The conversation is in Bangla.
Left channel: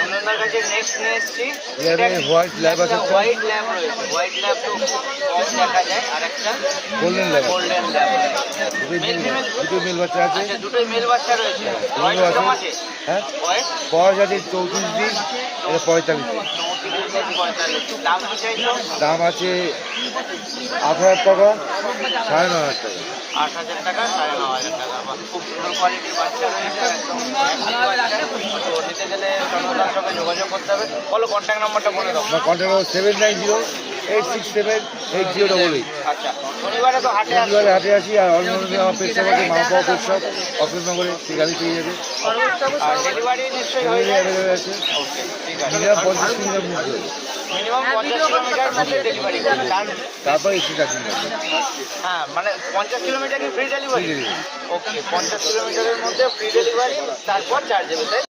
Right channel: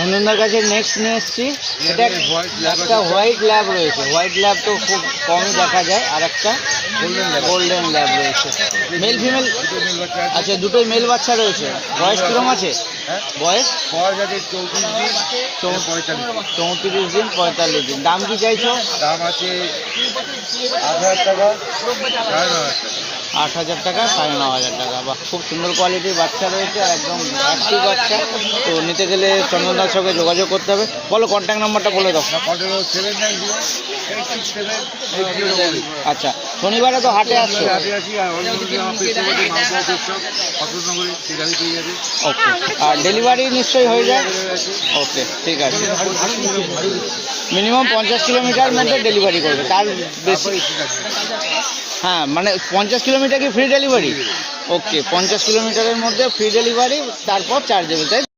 চন্দনদার কাছে নেক্সট নিয়ে এসেছি, হোয়াইট ল্যাব আছে, হোয়াইট ল্যাব রয়েছে। হোয়াইট ল্যাব তো খুব কম দেখা যায়। আর একটা গোল্ডেন ল্যাব, গোল্ডেন ল্যাব রয়েছে। মেল ফিমেল দুটো মেল বাচ্চা আছে। আচ্ছা, দুটোই মেল বাচ্চা রয়েছে। বয়স কিরকম আছে? হ্যাঁ, বয়স বয়স আছে 34 দিন, 45। 34 দিন 45 দিন। দাম কি চাইছো? দাম আছে 8,000 টাকা, 9,500 টাকা। 8,000 টাকা, 9,500 টাকা। বাহ, খুব সুন্দর কোয়ালিটির বাচ্চা রয়েছে, একদম অ্যাক্টিভ বাচ্চা। তো নিতে গেলে চন্দনদার সঙ্গে যোগাযোগ করতে হবে। বলো কন্ট্যাক্ট নাম্বারটা বলে দাও। আমার কন্ট্যাক্ট নম্বর 790-867-8088। আচ্ছা, শনিবারে তো হাটে আসবে। শনিবারে হাটে আসি, আর অন্য আমার পেটশপ আছে, মালপাওয়া পেটশপ, অশোকনগরে, সেই গাড়ি পেয়ে যাবে। আর ডেলিভারি নিশ্চয়ই হয়ে যায়। আছে ওকে, ঠিক আছে। 25 কিলোমিটার, মিনিমাম 50 কিলোমিটার মধ্যে ডেলিভারি করবে। তারপরে এসে থাকি। হ্যাঁ, মানে 50 কিলোমিটার কি ফ্রি ডেলিভারি? ওকে, 50 কিলোমিটারের মধ্যে ফ্রি ডেলিভারি, তারপর চার্জ দেবে, তাই?